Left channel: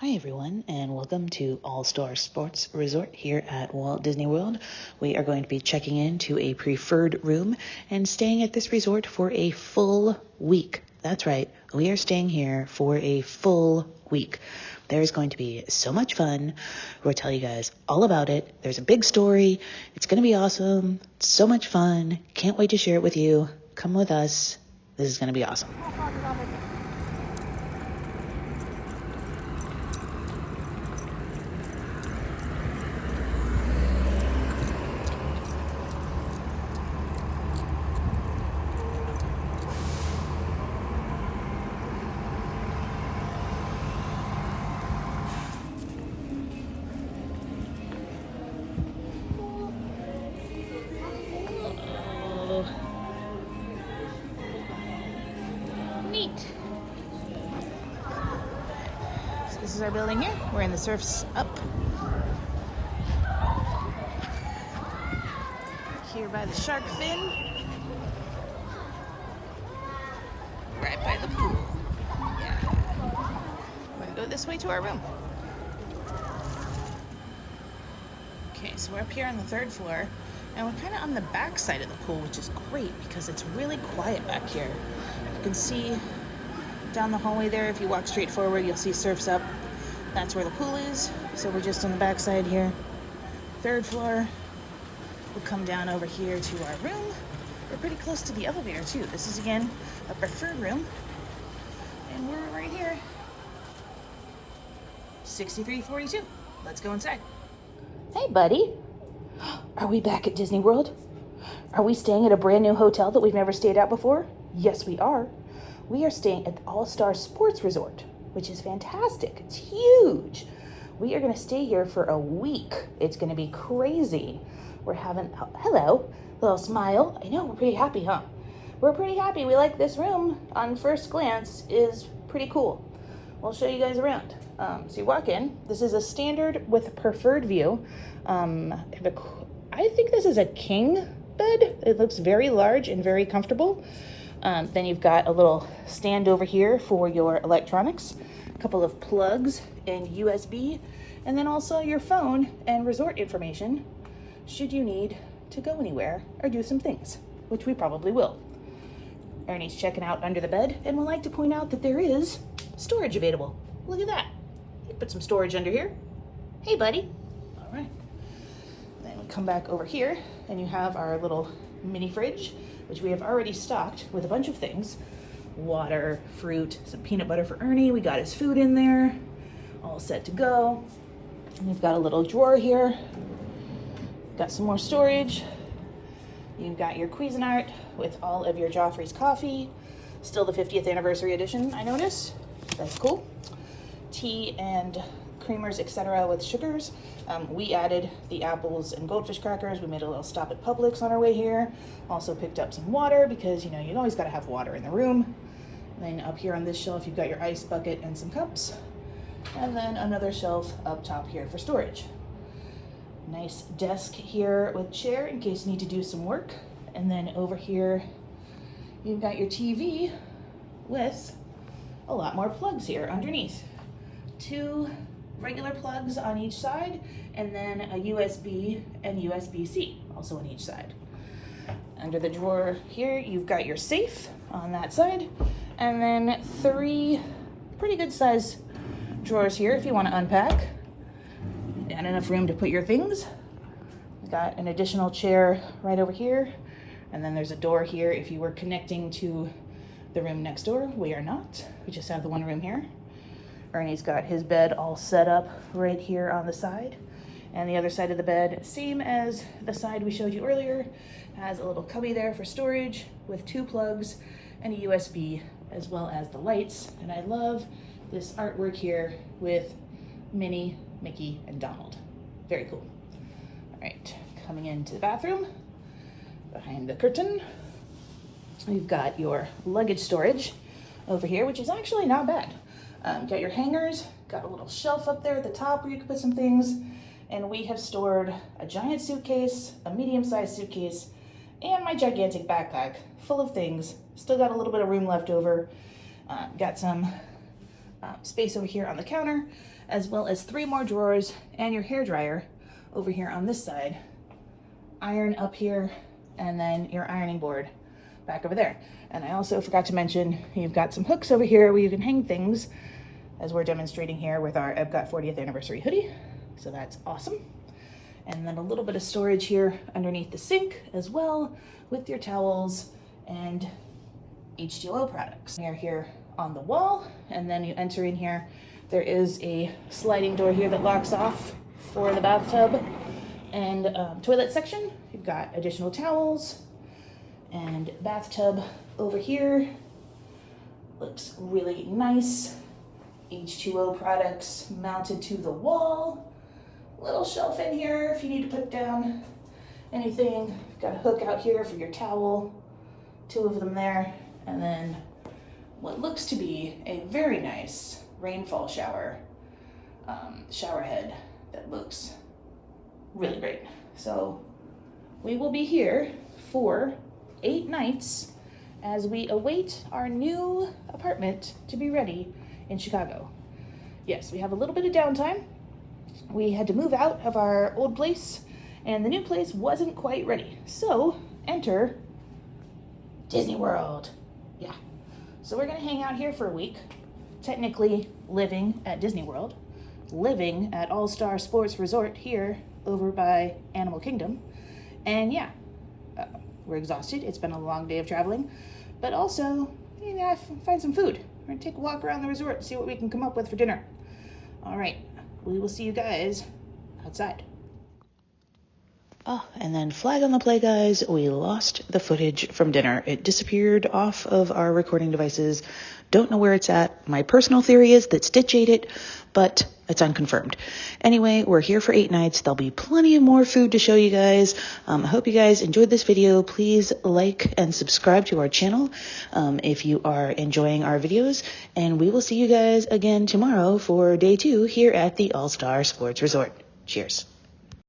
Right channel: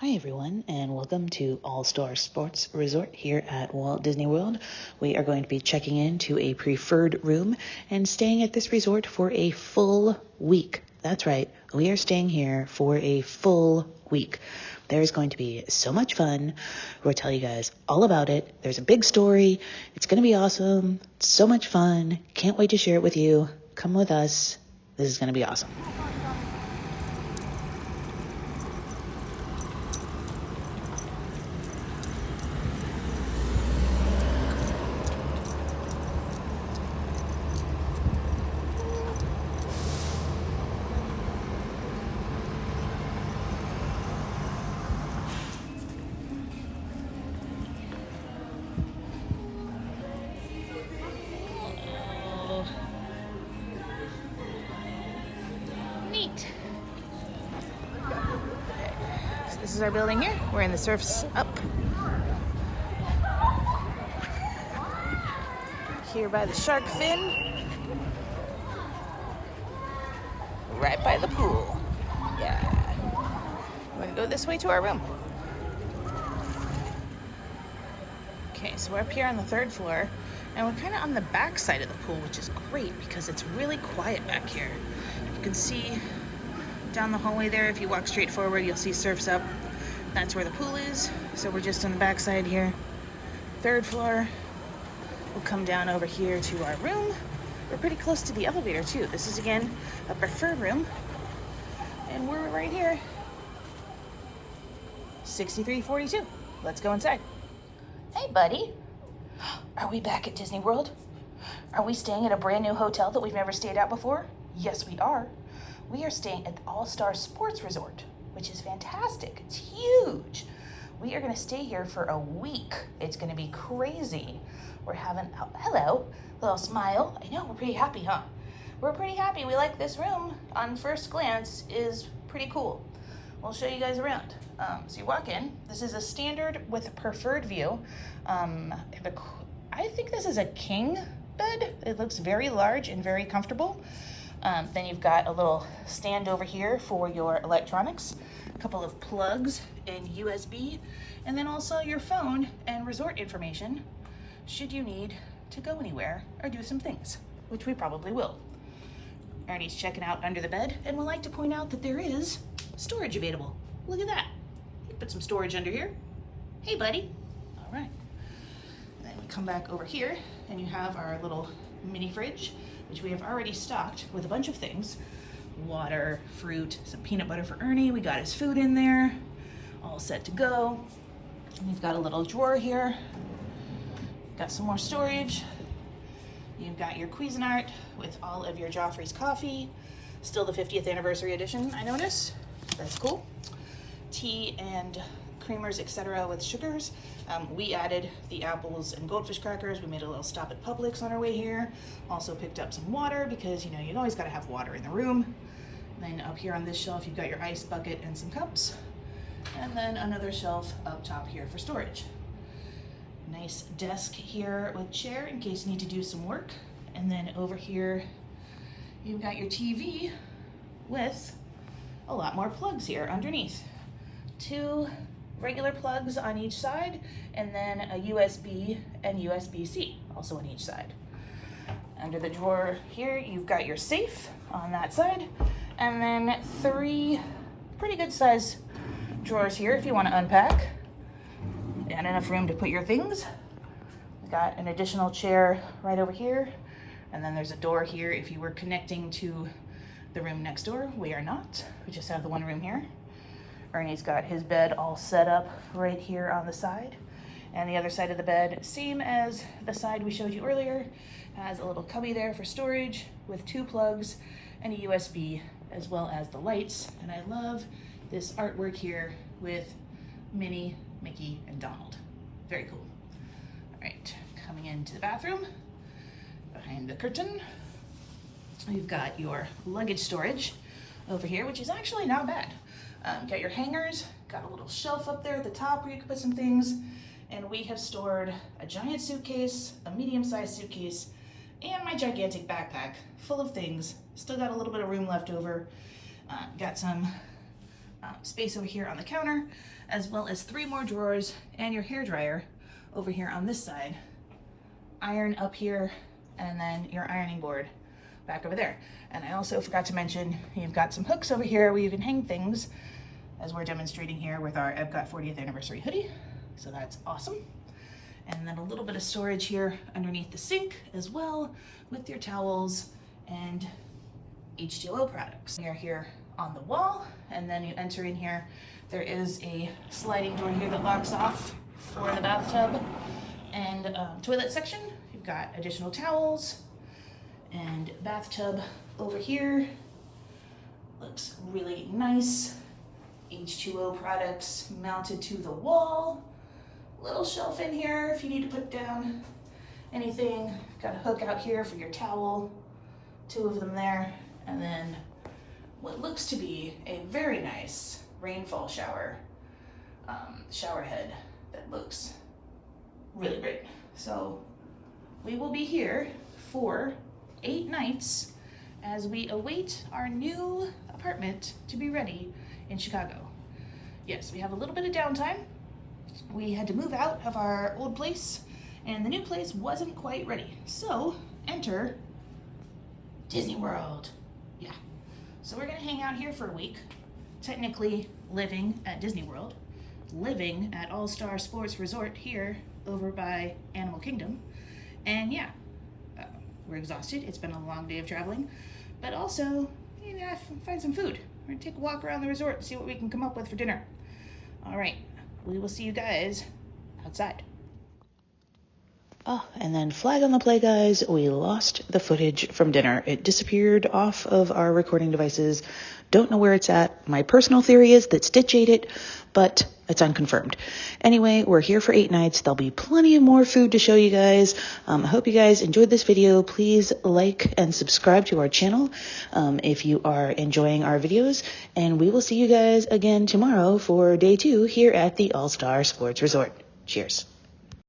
Hi everyone, and welcome to All-Star Sports Resort here at Walt Disney World. We are going to be checking into a preferred room and staying at this resort for a full week. That's right, we are staying here for a full week. There's going to be so much fun. We'll tell you guys all about it. There's a big story. It's going to be awesome. So much fun. Can't wait to share it with you. Come with us. This is going to be awesome. Neat. So this is our building here. We're in the Surf's Up. Here by the shark fin. Right by the pool. Yeah. We're gonna go this way to our room. Okay, so we're up here on the third floor, and we're kind of on the back side of the pool, which is great because it's really quiet back here. You can see down the hallway there, if you walk straight forward, you'll see Surf's Up. That's where the pool is. So we're just on the back side here. Third floor. We'll come down over here to our room. We're pretty close to the elevator too. This is again a preferred room. And we're right here. 6342. Let's go inside. Hey buddy. Are we back at Disney World? Are we staying at a brand new hotel that we've never stayed at before? Yes, we are. We are staying at the All-Star Sports Resort, which is fantastic. It's huge. We are gonna stay here for a week. It's gonna be crazy. We're having, oh, hello, little smile. I know, we're pretty happy, huh? We're pretty happy. We like this room. On first glance, is pretty cool. We'll show you guys around. So you walk in. This is a standard with preferred view. I think this is a king bed. It looks very large and very comfortable. Then you've got a little stand over here for your electronics, a couple of plugs and USB, and then also your phone and resort information should you need to go anywhere or do some things, which we probably will. Ernie's checking out under the bed, and we'd like to point out that there is storage available. Look at that. You put some storage under here. Hey, buddy. All right. Then we come back over here, and you have our little mini fridge, which we have already stocked with a bunch of things. Water, fruit, some peanut butter for Ernie. We got his food in there, all set to go. And we've got a little drawer here. Got some more storage. You've got your Cuisinart with all of your Joffrey's coffee. Still the 50th anniversary edition, I notice. That's cool. Tea and creamers, etc. with sugars. We added the apples and goldfish crackers. We made a little stop at Publix on our way here. Also picked up some water because, you know, you always gotta have water in the room. And then up here on this shelf, you've got your ice bucket and some cups. And then another shelf up top here for storage. Nice desk here with chair in case you need to do some work. And then over here, you've got your TV with a lot more plugs here underneath. 2 regular plugs on each side, and then a USB and USB-C also on each side. Under the drawer here, you've got your safe on that side, and then 3 pretty good size drawers here if you want to unpack. And enough room to put your things. You've got an additional chair right over here, and then there's a door here if you were connecting to the room next door. We are not. We just have the one room here. Ernie's got his bed all set up right here on the side. And the other side of the bed, same as the side we showed you earlier, has a little cubby there for storage with 2 plugs and a USB, as well as the lights. And I love this artwork here with Minnie, Mickey, and Donald. Very cool. All right, coming into the bathroom, behind the curtain, we've got your luggage storage over here, which is actually not bad. Got your hangers, got a little shelf up there at the top where you can put some things, and we have stored a giant suitcase, a medium-sized suitcase, and my gigantic backpack full of things. Still got a little bit of room left over. Got some space over here on the counter, as well as 3 more drawers and your hair dryer over here on this side. Iron up here, and then your ironing board back over there. And I also forgot to mention, you've got some hooks over here where you can hang things, as we're demonstrating here with our Epcot 40th anniversary hoodie. So that's awesome. And then a little bit of storage here underneath the sink as well, with your towels and H2O products. They're here on the wall, and then you enter in here. There is a sliding door here that locks off for the bathtub and toilet section. You've got additional towels and bathtub over here. Looks really nice. H2O products mounted to the wall. Little shelf in here if you need to put down anything. Got a hook out here for your towel, 2 of them there, and then what looks to be a very nice rainfall shower head that looks really great. So we will be here for 8 nights as we await our new apartment to be ready in Chicago. Yes, we have a little bit of downtime. We had to move out of our old place and the new place wasn't quite ready. So enter Disney World. Yeah. So we're gonna hang out here for a week, technically living at Disney World, living at All-Star Sports Resort here over by Animal Kingdom. And yeah, we're exhausted. It's been a long day of traveling, but also, you know, find some food. We're gonna take a walk around the resort and see what we can come up with for dinner. All right, we will see you guys outside. Oh, and then flag on the play, guys, we lost the footage from dinner. It disappeared off of our recording devices. Don't know where it's at. My personal theory is that Stitch ate it, but it's unconfirmed. Anyway, we're here for 8 nights. There'll be plenty of more food to show you guys. I hope you guys enjoyed this video. Please like and subscribe to our channel if you are enjoying our videos. And we will see you guys again tomorrow for day 2 here at the All-Star Sports Resort. Cheers.